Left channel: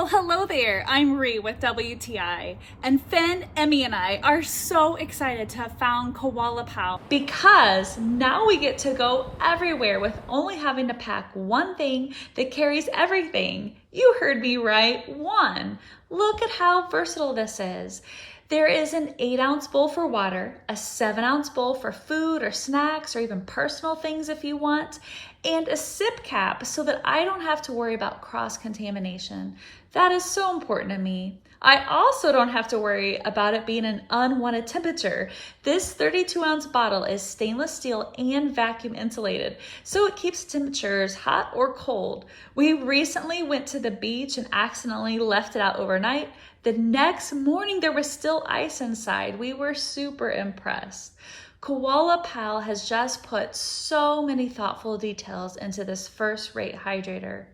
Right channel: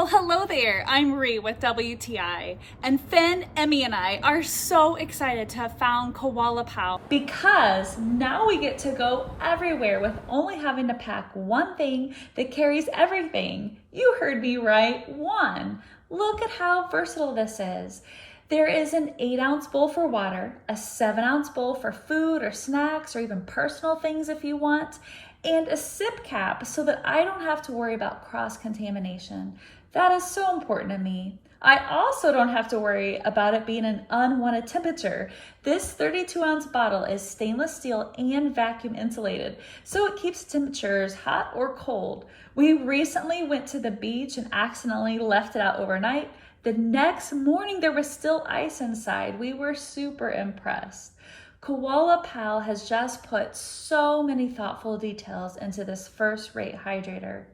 Well, hello there. I'm Ree with WTI, and Finn, Emmy, and I are so excited to have found KOALA Pal because now we get to go everywhere with only having to pack one thing that carries everything. You heard me right, one. Look at how versatile this is. There is an 8-ounce bowl for water, a 7-ounce bowl for food or snacks or even personal things if you want, and a sip cap so that I don't have to worry about cross-contamination. That is so important to me. I also don't have to worry about it being an unwanted temperature. This 32-ounce bottle is stainless steel and vacuum insulated, so it keeps temperatures hot or cold. We recently went to the beach and accidentally left it out overnight. The next morning, there was still ice inside. We were super impressed. KOALA Pal has just put so many thoughtful details into this first-rate hydrator.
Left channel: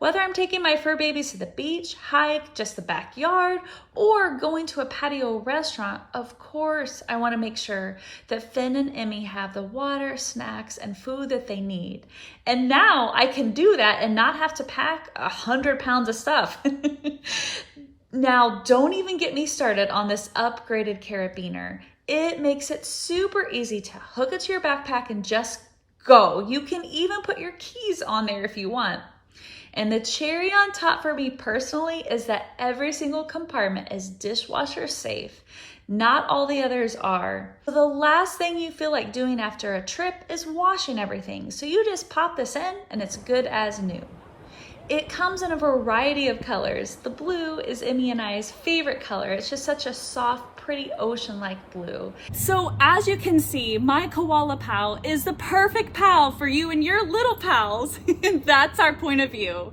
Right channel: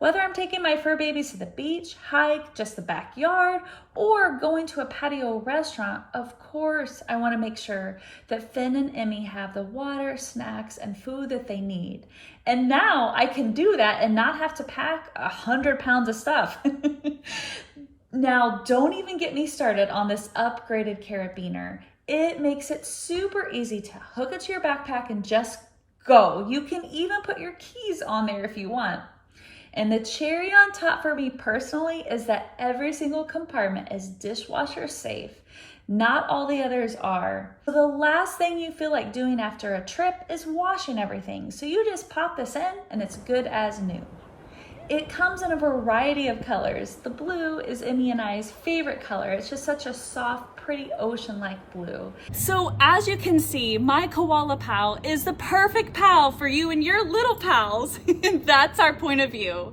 Whether I'm taking my fur babies to the beach, hike, just the backyard, or going to a patio restaurant, of course, I want to make sure that Finn and Emmy have the water, snacks, and food that they need. And now I can do that and not have to pack 100 pounds of stuff. Now, don't even get me started on this upgraded carabiner. It makes it super easy to hook it to your backpack and just go. You can even put your keys on there if you want. And the cherry on top for me personally is that every single compartment is dishwasher safe. Not all the others are. So the last thing you feel like doing after a trip is washing everything. So you just pop this in and it's good as new. It comes in a variety of colors. The blue is Emmy and I's favorite color. It's just such a soft, pretty ocean-like blue. So as you can see, my KOALA Pal is the perfect pal for you and your little pals. And that's our point of view.